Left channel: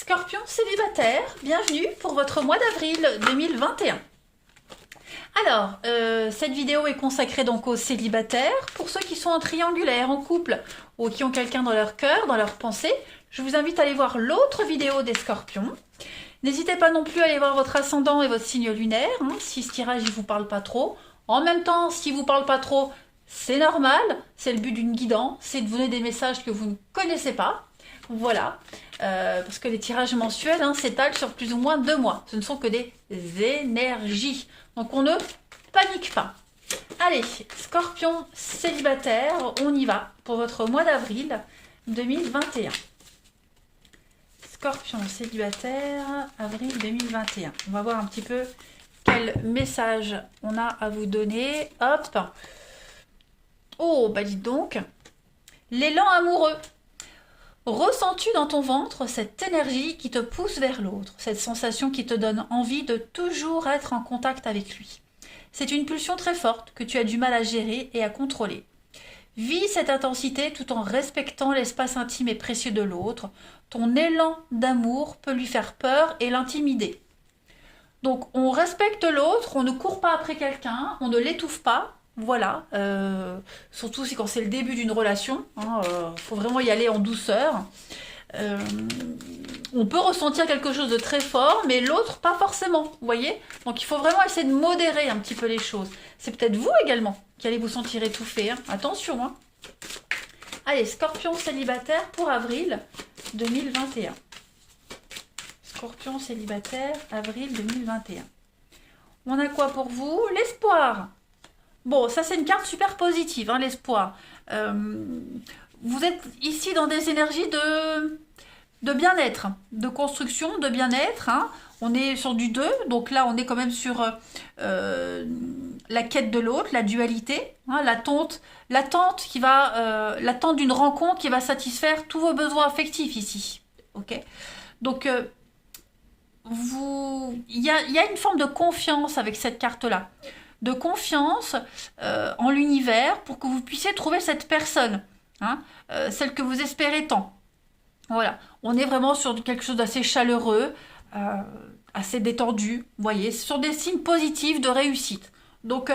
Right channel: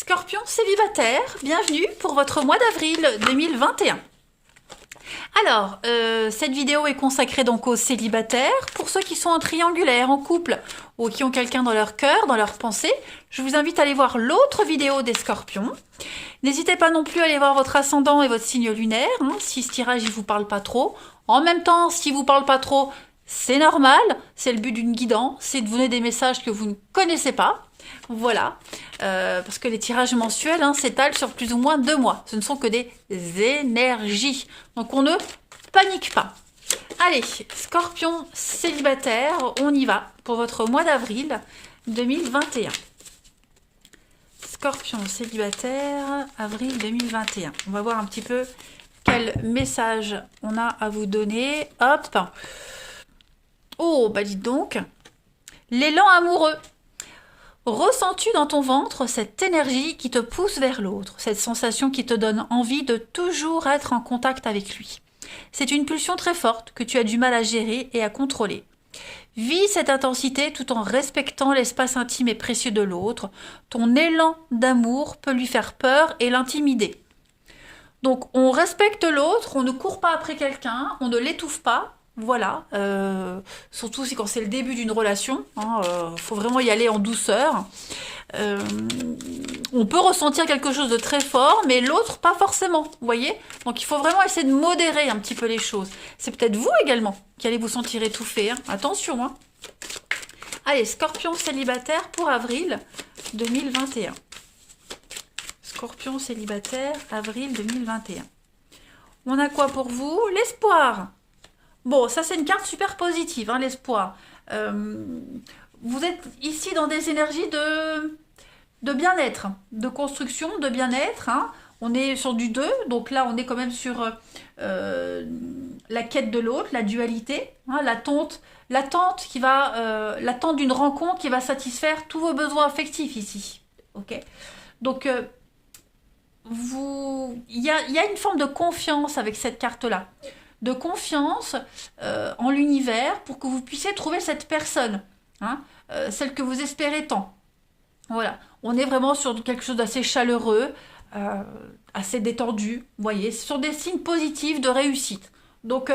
Scorpion célibataire, bienvenue pour votre mois d'avril 2021. Alors, cette vidéo est consacrée donc aux célibataires. Pour ceux qui sont en triangulaire, en couple, ou qui ont quelqu'un dans leur cœur, dans leur pensée, je vous invite à aller voir l'autre vidéo des scorpions. N'hésitez pas non plus à aller voir votre ascendant et votre signe lunaire, si ce tirage ne vous parle pas trop. En même temps, s'il ne vous parle pas trop, c'est normal, c'est le but d'une guidance, c'est de vous donner des messages que vous ne connaissez pas. Voilà, parce que les tirages mensuels s'étalent sur plus ou moins 2 mois. Ce ne sont que des énergies. Donc on ne panique pas. Allez, Scorpion célibataire, on y va pour votre mois d'avril 2021. Scorpion célibataire, avril 2021. On va voir un petit peu quel message on a à vous donner. Hop. Oh, bah dites donc. L'élan amoureux. Ressens-tu dans ton ventre cette énergie qui te pousse vers l'autre, cette sensation qui te donne envie de toujours être en contact avec lui? C'est une pulsion très forte que tu as du mal à gérer et à contrôler. Vis cette intensité tout en respectant l'espace intime et précieux de l'autre. Ton élan d'amour peut lui faire peur et l'intimider. Donc on respecte l'autre, on ne court pas après quelqu'un, on ne l'étouffe pas. Voilà, surtout quand c'est le début d'une relation, faut vraiment y aller en douceur. On peut ressentir quelque chose de très fort, mais l'autre pas forcément, vous voyez. Donc il faut vraiment essayer de modérer un petit peu les choses. C'est peut-être vous également qui allez vous sentir étouffé, attention. Allez, Scorpion célibataire pour avril 2021. Scorpion célibataire, avril 2021. On a quoi pour vous? L'espoir. Bon, ça c'est une carte super positive, l'espoir. Vous êtes ici dans des énergies de bien-être, de construction, de bien-être. On est sur du 2, donc là on est quand même sur la quête de l'autre, la dualité, l'attente d'une rencontre qui va satisfaire tous vos besoins affectifs ici. Ok. Donc il y a une forme de confiance avec cette carte-là. De confiance en l'univers pour que vous puissiez trouver cette personne, celle que vous espérez tant. Voilà, on est vraiment sur quelque chose d'assez chaleureux, assez détendu, vous voyez, sur des signes positifs de réussite. Donc,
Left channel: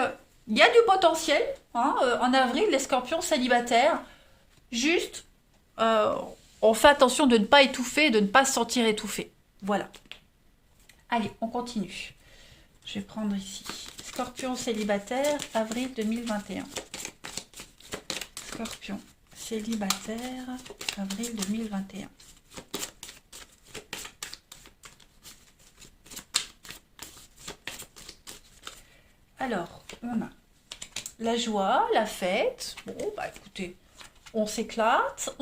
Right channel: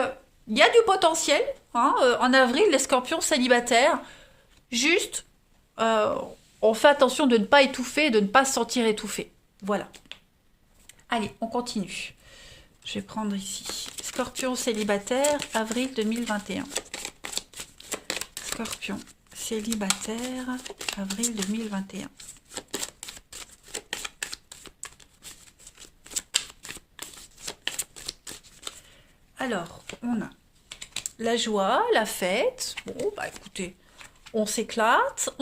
il y a du potentiel, en avril, les scorpions célibataires, juste, on fait attention de ne pas étouffer, de ne pas se sentir étouffé. Voilà. Allez, on continue. Je vais prendre ici. Scorpion célibataire, avril 2021. Scorpion célibataire, avril 2021. Alors, on a la joie, la fête. Bon, bah écoutez, on s'éclate,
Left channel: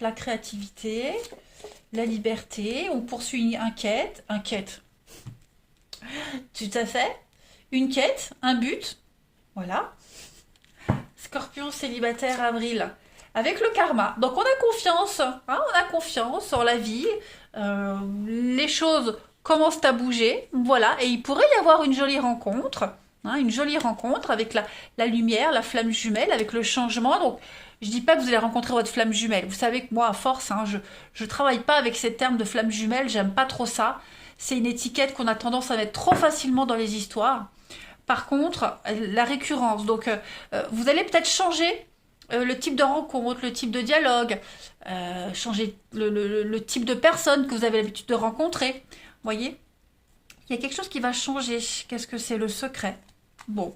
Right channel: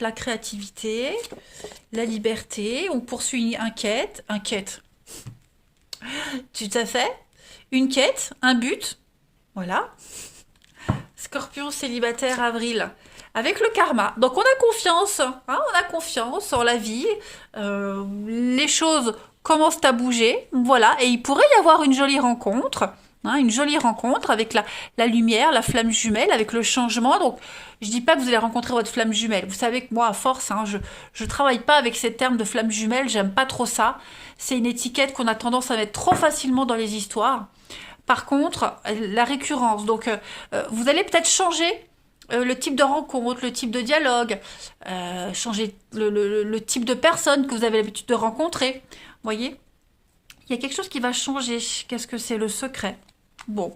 la créativité, la liberté, on poursuit une quête. Tout à fait. Une quête, un but. Voilà. Scorpion célibataire avril. Avec le karma. Donc on a confiance. On a confiance en la vie. Les choses commencent à bouger. Voilà. Et il pourrait y avoir une jolie rencontre. Une jolie rencontre avec la lumière, la flamme jumelle, avec le changement. Donc je dis pas que vous allez rencontrer votre flamme jumelle. Vous savez que moi, à force, je travaille pas avec ces termes de flamme jumelle. J'aime pas trop ça. C'est une étiquette qu'on a tendance à mettre trop facilement dans les histoires. Par contre, la récurrence. Donc, vous allez peut-être changer le type de rencontre, le type de dialogue, changer le type de personne que vous avez l'habitude de rencontrer. Vous voyez? Il y a quelque chose qui va changer. Qu'est-ce que c'est le secret? Bon,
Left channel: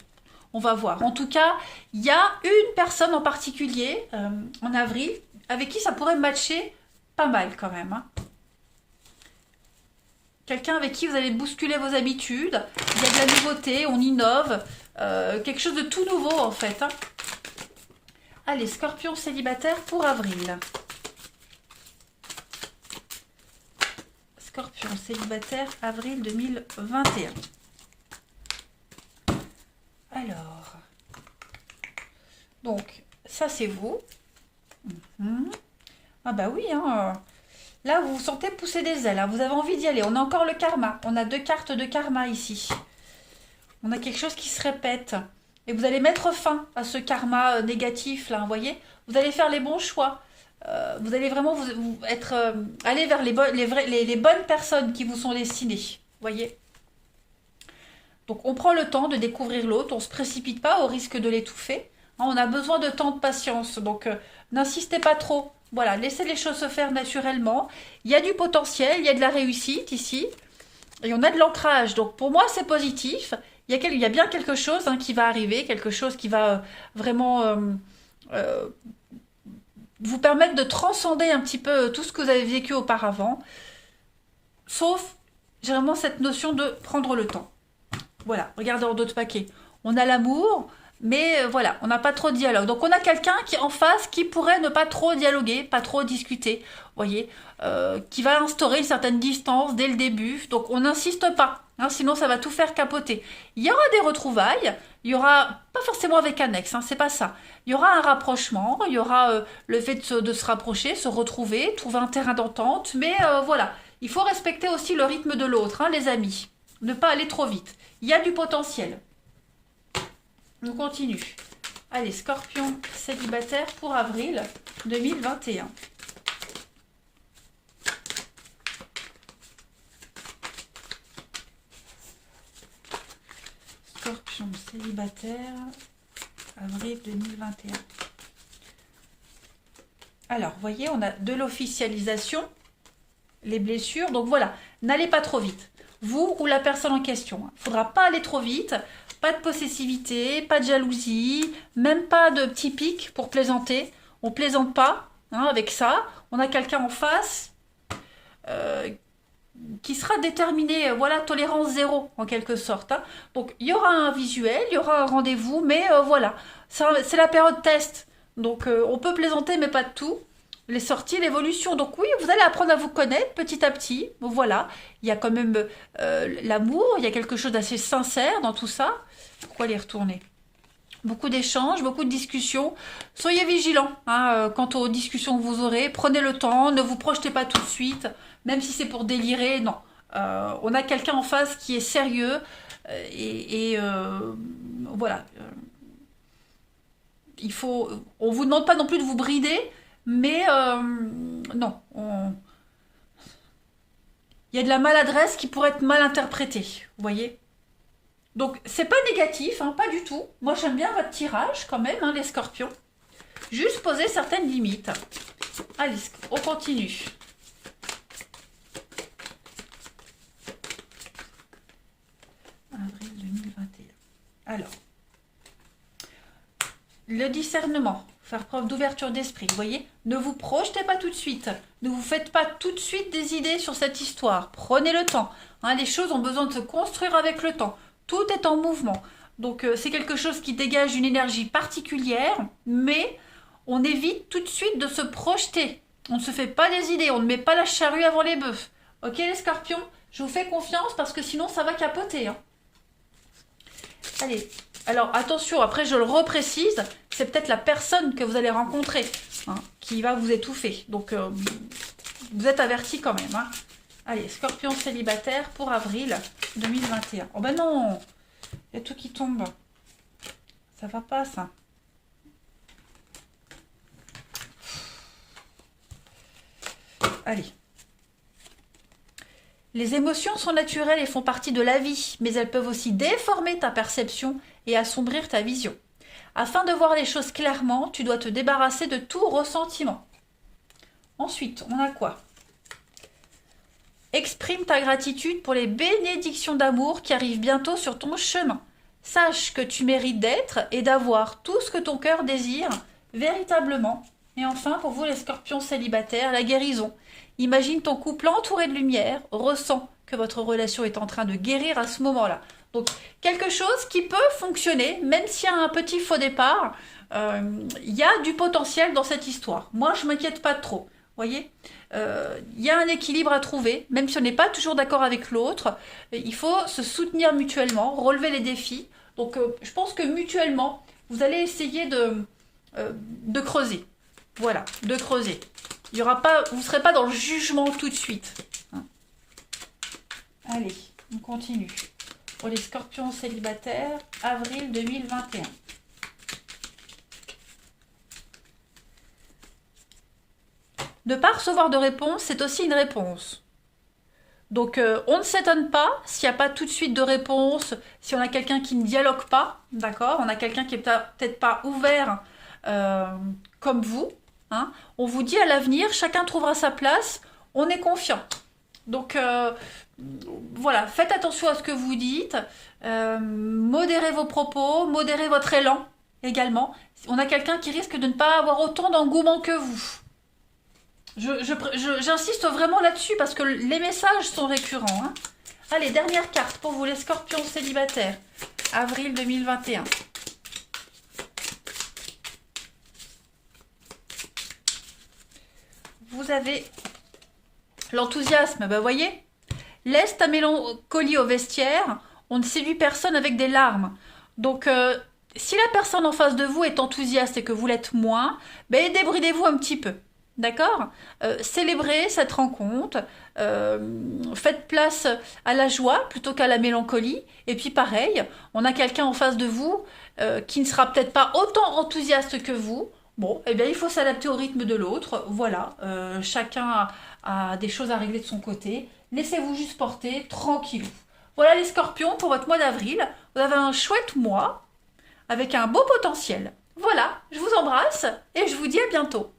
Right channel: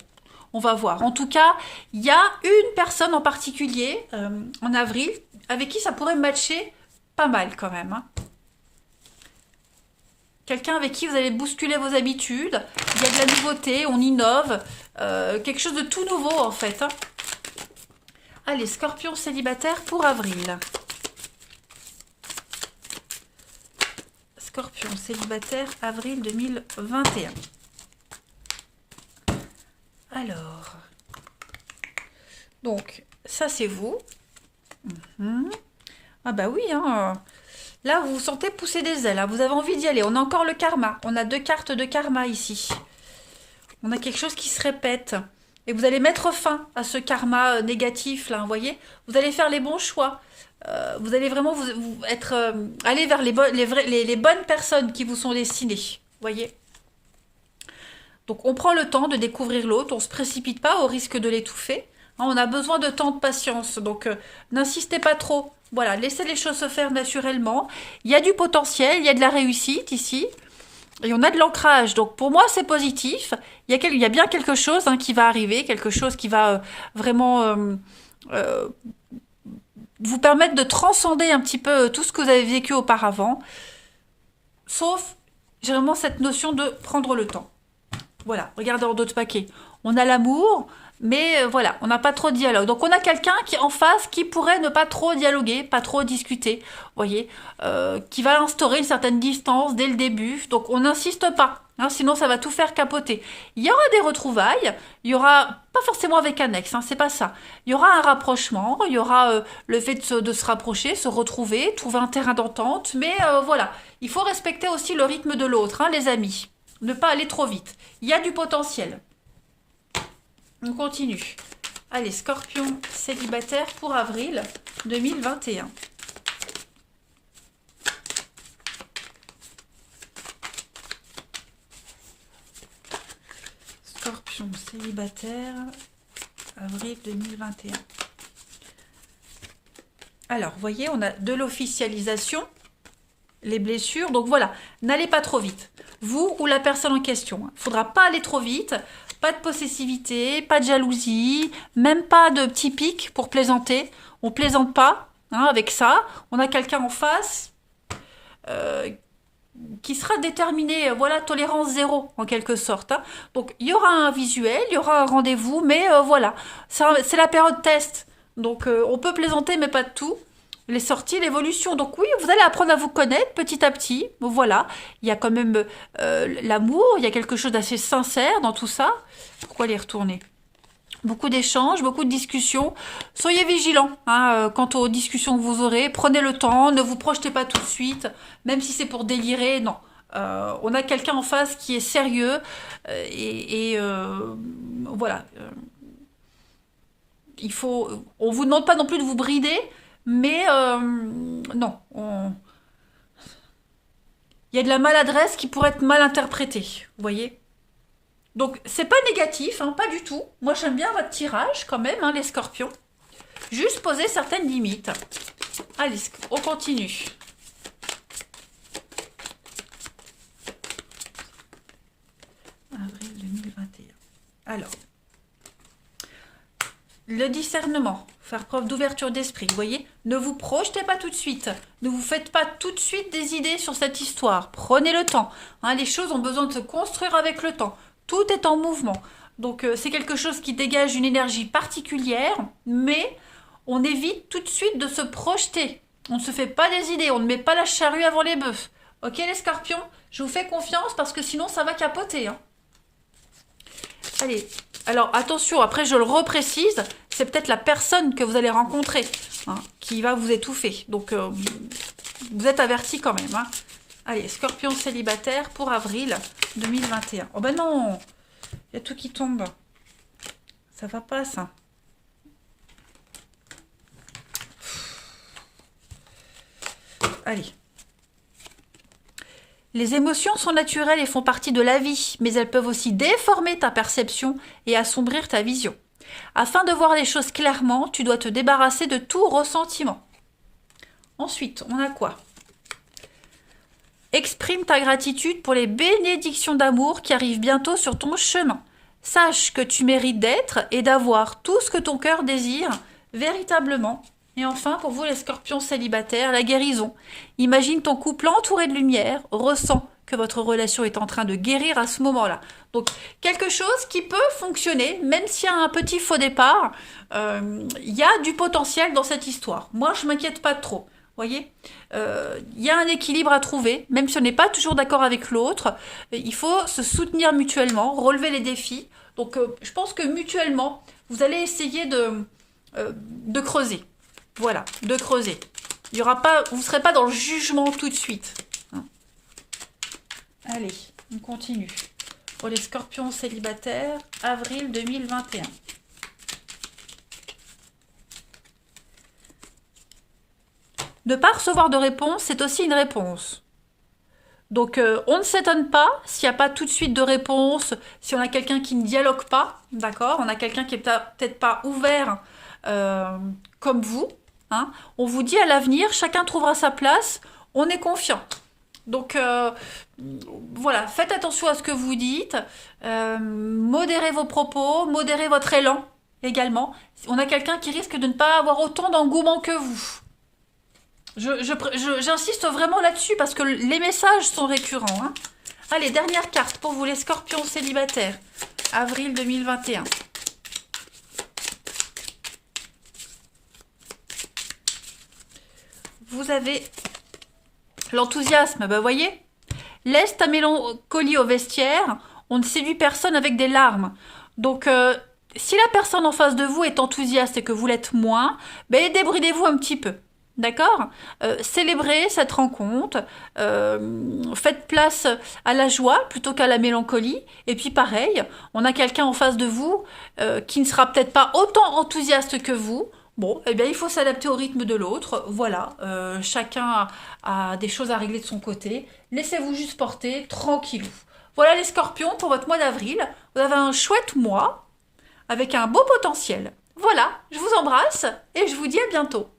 on va voir. En tout cas, il y a une personne en particulier, en avril, avec qui ça pourrait matcher pas mal quand même. Quelqu'un avec qui vous allez bousculer vos habitudes. Il y a de la nouveauté, on innove. Quelque chose de tout nouveau en fait. Allez, Scorpion célibataire pour avril. Scorpion célibataire, avril 2021. Alors. Donc, ça c'est vous. Ah bah oui, Là, vous vous sentez pousser des ailes. Vous avez envie d'y aller. On a encore le karma. On a 2 cartes de karma ici. On a quelque chose qui se répète. Et vous allez mettre fin à ce karma négatif, là, vous voyez. Vous allez faire les bons choix. Vous allez vraiment être, aller vers les bonnes personnes qui vous sont destinées. Vous voyez? Donc on prend le temps de découvrir l'autre, on ne se précipite pas au risque de l'étouffer. Hein, on a besoin de temps de patience, donc n'insistez pas trop. Voilà, laissez les choses se faire naturellement. Il y a du potentiel, il y a de la réussite ici, et on a de l'ancrage. Donc pour moi c'est positif. Il y a bien quelque chose qui va arriver, quelque chose qui va vraiment euh, vous permettre de transcender un petit peu tout ce que vous avez vécu auparavant. Sauf généralement cette notion de prendre le temps. Voilà, regardez en d'autres paquets. On a l'amour, mais voilà, on n'a pas trop de dialogue. Donc on a quelqu'un qui est en face qui pourrait ne pas trop dialoguer, pas trop discuter, vous voyez, qui va instaurer une certaine distance dès le début. Donc on n'insiste pas, hein, sinon ça va tout faire capoter. Il y aura des retrouvailles, il y aura, pas forcément avec un ex, c'est pas ça. Il y aura un rapprochement, il y aura le fait de se rapprocher, se retrouver, trouver un terrain d'entente, mais voilà, il faut respecter aussi le rythme de l'autre, les amis. Ne pas aller trop vite. Il y a du potentiel. On continue. Allez, Scorpion célibataire pour avril 2021. Scorpion célibataire, avril 2021. Alors, vous voyez, on a de l'officialisation, les blessures. Donc voilà, n'allez pas trop vite. Vous ou la personne en question. Il ne faudra pas aller trop vite. Pas de possessivité, pas de jalousie, même pas de petits pics pour plaisanter. On plaisante pas avec ça. On a quelqu'un en face qui sera déterminé, voilà, tolérance zéro en quelque sorte. Donc il y aura un visuel, il y aura un rendez-vous, mais voilà, c'est la période test. Donc on peut plaisanter, mais pas de tout. Les sorties, l'évolution. Donc oui, vous allez apprendre à vous connaître petit à petit. Voilà, il y a quand même l'amour, il y a quelque chose d'assez sincère dans tout ça. Pourquoi les retourner? Beaucoup d'échanges, beaucoup de discussions. Soyez vigilants quant aux discussions que vous aurez. Prenez le temps, ne vous projetez pas tout de suite, même si c'est pour délirer. Non, on a quelqu'un en face qui est sérieux voilà. On vous demande pas non plus de vous brider, mais non, il y a de la maladresse qui pourrait être mal interprétée. Vous voyez? Donc, c'est pas négatif, pas du tout. Moi, j'aime bien votre tirage quand même, les scorpions. Juste poser certaines limites. Allez, on continue. Avril 2021. Alors, le discernement, faire preuve d'ouverture d'esprit. Vous voyez, ne vous projetez pas tout de suite. Ne vous faites pas tout de suite des idées sur cette histoire. Prenez le temps. Les choses ont besoin de se construire avec le temps. Tout est en mouvement. Donc c'est quelque chose qui dégage une énergie particulière, mais on évite tout de suite de se projeter. On ne se fait pas des idées, on ne met pas la charrue avant les bœufs. Ok les scorpions? Je vous fais confiance parce que sinon ça va capoter. Allez, alors attention, après je le reprécise, c'est peut-être la personne que vous allez rencontrer qui va vous étouffer. Donc vous êtes avertis quand même. Allez, scorpion célibataire pour avril 2021. Oh ben non, il y a tout qui tombe. Ça va pas ça. Allez. Les émotions sont naturelles et font partie de la vie, mais elles peuvent aussi déformer ta perception et assombrir ta vision. Afin de voir les choses clairement, tu dois te débarrasser de tout ressentiment. Ensuite, on a quoi? Exprime ta gratitude pour les bénédictions d'amour qui arrivent bientôt sur ton chemin. Sache que tu mérites d'être et d'avoir tout ce que ton cœur désire véritablement. Et enfin, pour vous les scorpions célibataires, la guérison. Imagine ton couple entouré de lumière, ressens que votre relation est en train de guérir à ce moment-là. Donc, quelque chose qui peut fonctionner, même s'il y a un petit faux départ, il y a du potentiel dans cette histoire. Moi, je ne m'inquiète pas trop. Voyez, il y a un équilibre à trouver, même si on n'est pas toujours d'accord avec l'autre. Il faut se soutenir mutuellement, relever les défis. Donc, je pense que mutuellement, vous allez essayer de creuser. Voilà, de creuser. Il y aura pas, vous ne serez pas dans le jugement tout de suite. Allez, on continue. Pour les scorpions célibataires, avril 2021. Ne pas recevoir de réponse, c'est aussi une réponse. Donc on ne s'étonne pas s'il n'y a pas tout de suite de réponse, si on a quelqu'un qui ne dialogue pas, d'accord? On a quelqu'un qui est peut-être pas ouvert euh, comme vous. Hein. On vous dit à l'avenir, chacun trouvera sa place, on est confiant. Donc voilà, faites attention à ce que vous dites, modérez vos propos, modérez votre élan également. On a quelqu'un qui risque de ne pas avoir autant d'engouement que vous. J'insiste vraiment là-dessus parce que les messages sont récurrents. Hein. Allez, dernière carte pour vous les scorpions célibataires. Avril 2021. Vous avez l'enthousiasme, bah voyez. Laisse ta mélancolie au vestiaire, on ne séduit personne avec des larmes. Donc si la personne en face de vous est enthousiaste et que vous l'êtes moins, ben débridez-vous un petit peu. D'accord. Célébrez cette rencontre, faites place à la joie plutôt qu'à la mélancolie. Et puis pareil, on a quelqu'un en face de vous qui ne sera peut-être pas autant enthousiaste que vous. Bon, eh bien il faut s'adapter au rythme de l'autre. Voilà, chacun a des choses à régler de son côté. Laissez-vous juste porter, tranquillou. Voilà les scorpions pour votre mois d'avril. Vous avez un chouette mois avec un beau potentiel. Voilà, je vous embrasse et je vous dis à bientôt.